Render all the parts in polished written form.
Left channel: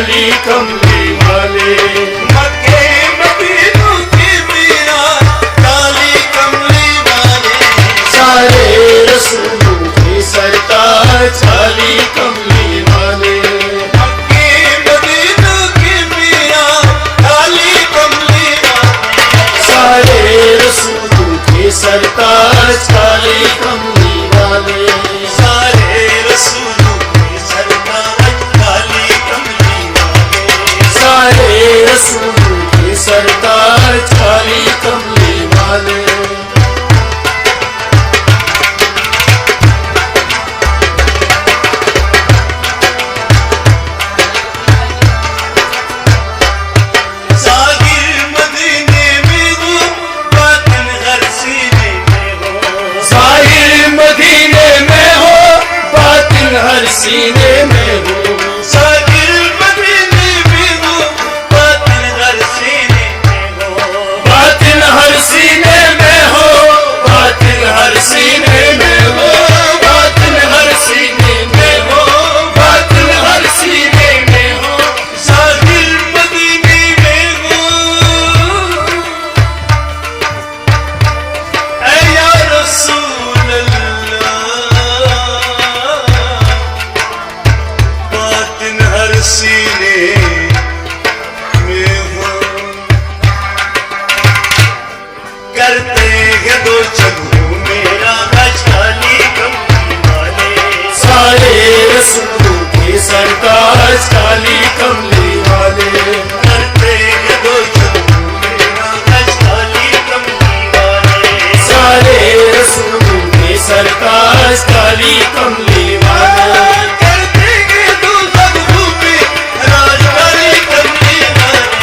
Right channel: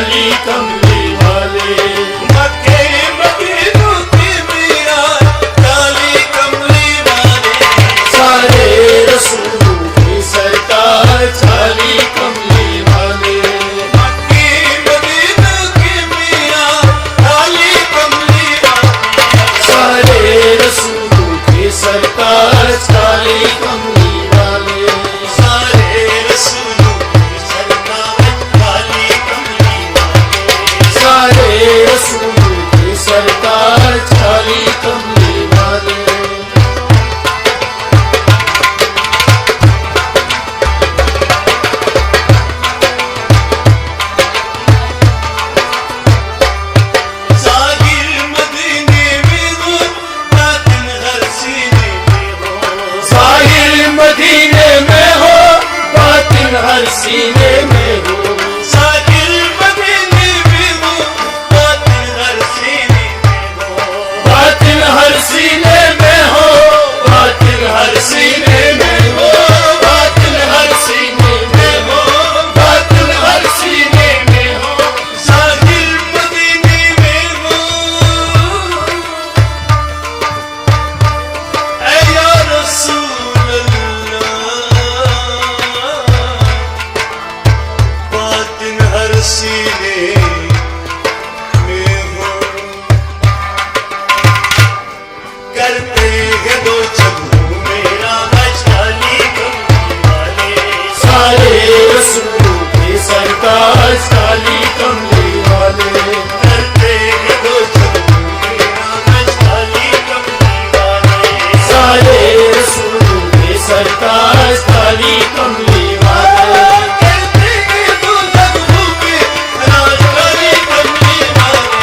काली कमली वाले। मक्के मदीनों की मियां काली कमली वाले। सारे रसूलों के सरताज काली कमली वाले। मक्के मदीनों की मियां काली कमली वाले। सारे रसूलों के सरताज काली कमली वाले। सारे रसूलों के सरताज काली कमली वाले। सारे रसूलों के सरताज काली कमली वाले। साहिर मदीने में हो बातिन हर सीने में हो। साहिर मदीने में हो बातिन हर सीने में हो। साहिर मदीने में हो बातिन हर सीने में हो। बातिन हर सीने में हो। बातिन हर सीने में हो। बातिन हर सीने में हो। बातिन हर सीने में हो। साहिर मदीने में हो। ऐ या रसूल अल्लाह बातिन हर सीने में हो। करते हैं दो चबू मेरा हज काली कमली वाले। सारे रसूलों के सरताज काली कमली वाले। करते हैं दो चबू मेरा हज काली कमली वाले। सारे रसूलों के सरताज काली कमली वाले। करते हैं दो चबू मेरा हज काली कमली वाले।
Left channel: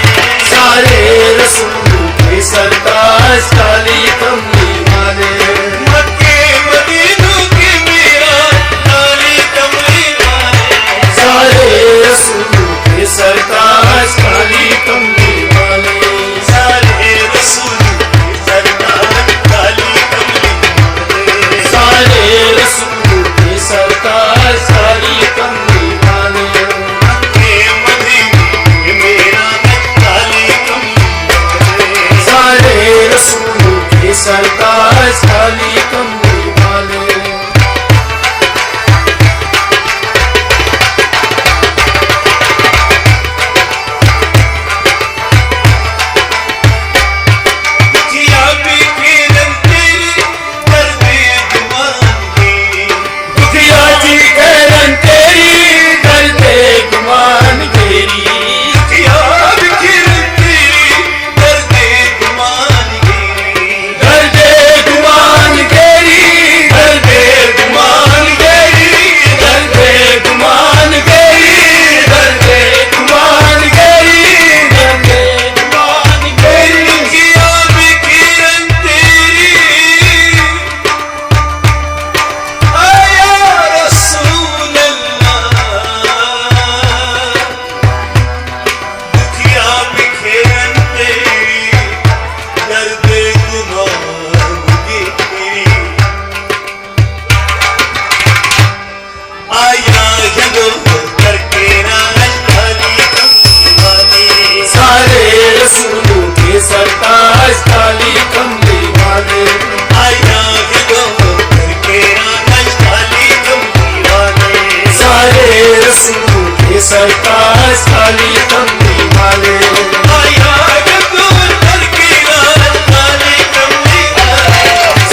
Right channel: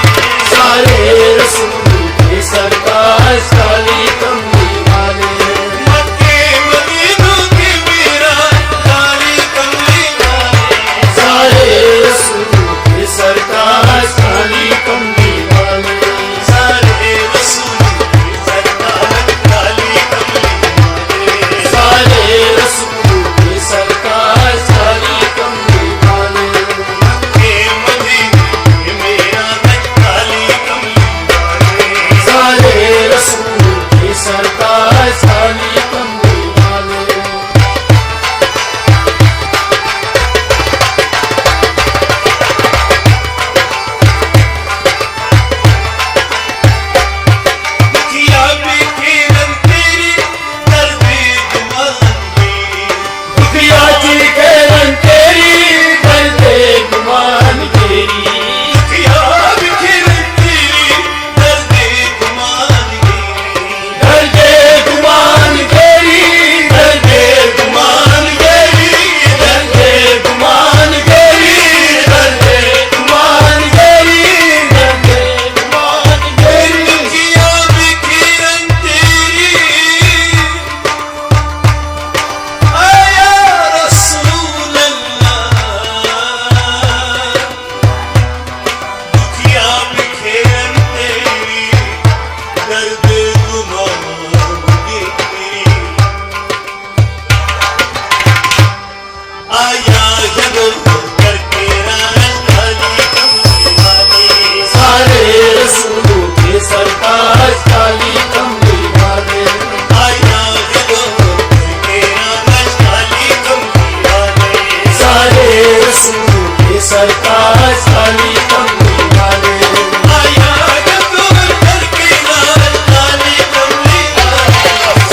सारे रसूलों के सरताज काली कमली वाले। मक्के मदीनों की मियां काली कमली वाले। सारे रसूलों के सरताज काली कमली वाले। सारे रसूलों के सरताज काली कमली वाले। सारे रसूलों के सरताज काली कमली वाले। मक्के मदीने मेरा हज काली कमली वाले। सारे रसूलों के सरताज काली कमली वाले। किया भी किरण तेरी दर्दे गुमानी। दुखिया जी कहरन तेरी दर्दे गुमान तेरी। किया भी किरण तेरी दर्दे गुमानी। दर्दे गुमान तेरी। दर्दे गुमान तेरी। दर्दे गुमान तेरी। दर्दे गुमान तेरी। दर्दे गुमान तेरी। किया भी किरण तेरी आया रसूल अल्लाह। दुखिया भी किरण तेरी दर्दे गुमानगी। आया है दो करके राज काली कमली वाले। सारे रसूलों के सरताज काली कमली वाले। आया है दो करके राज काली कमली वाले। सारे रसूलों के सरताज काली कमली वाले। आया है दो करके राज काली कमली वाले।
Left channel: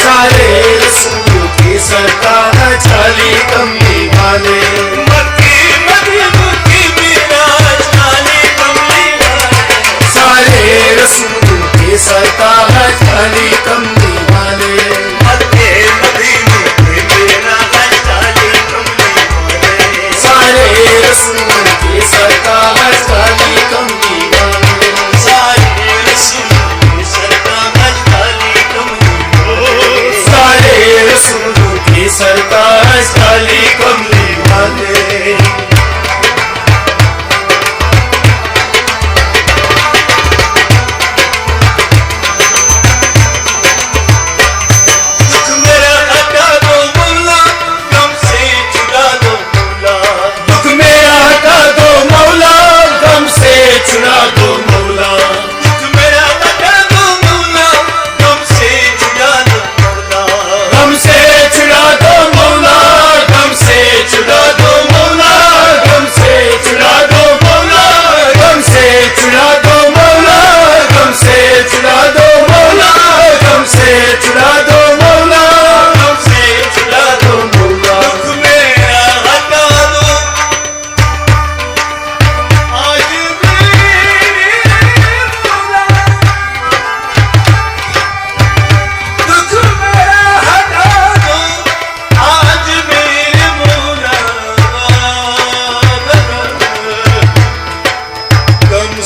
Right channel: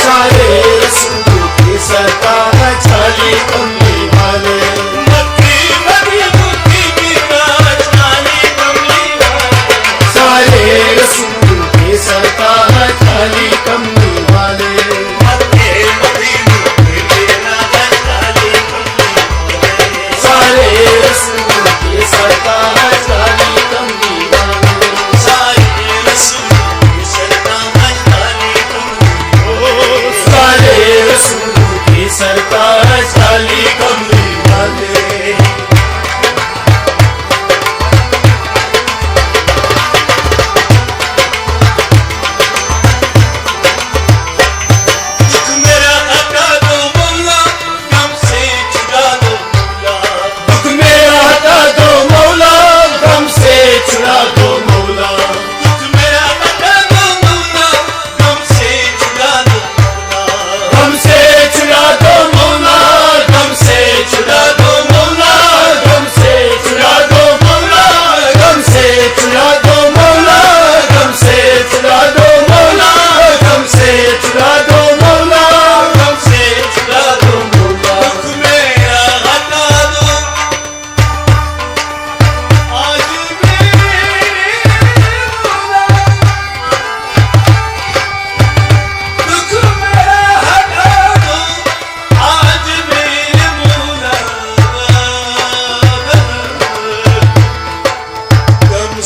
सारे रसूलों के सरताज काली कमली वाले। मक्के मदीनों की मिराज काली कमली वाले। सारे रसूलों के सरताज काली कमली वाले। मक्के मदीनों की मिराज काली कमली वाले। सारे रसूलों के सरताज काली कमली वाले।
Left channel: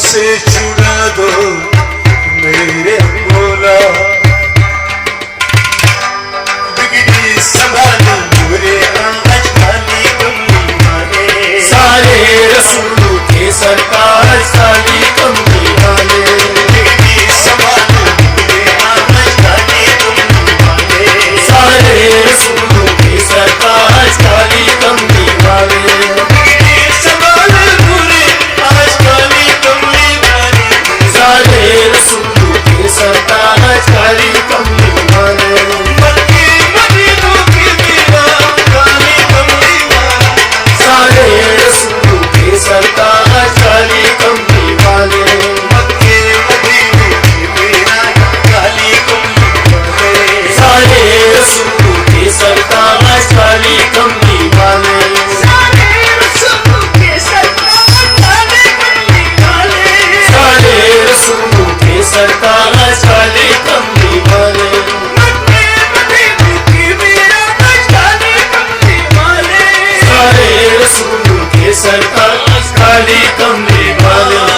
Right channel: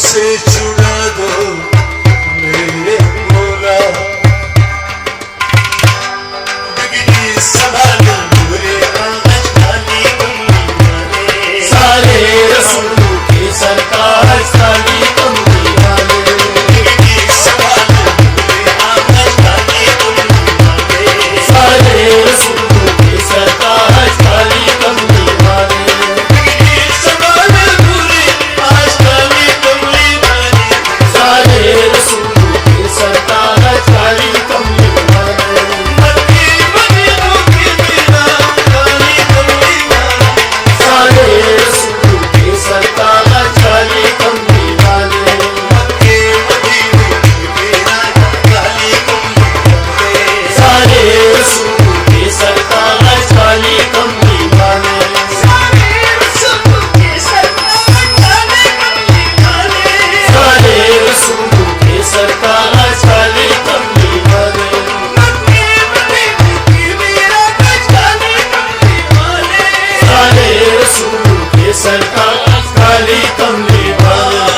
मुझसे छुड़ा दो मेरे मौला। बिगड़ी संभालो बुरे आवाज खाली कमली वाले, सारे रसूलों के सरताज खाली कमली वाले। बिगड़ी संभालो बुरे आवाज खाली कमली वाले, सारे रसूलों के सरताज खाली कमली वाले। बिगड़ी संभालो बुरे आवाज खाली कमली वाले, सारे रसूलों के सरताज खाली कमली वाले। मक्के मदीनों की मीरा खाली कमली वाले, सारे रसूलों के सरताज खाली कमली वाले। मक्के मदीनों की मीरा खाली कमली वाले, सारे रसूलों के सरताज खाली कमली वाले। सारे रसूलों के सरताज खाली कमली वाले, सारे रसूलों के सरताज खाली कमली वाले। मक्के मदीनों की मीरा खाली कमली वाले, सारे रसूलों के सरताज खाली कमली वाले।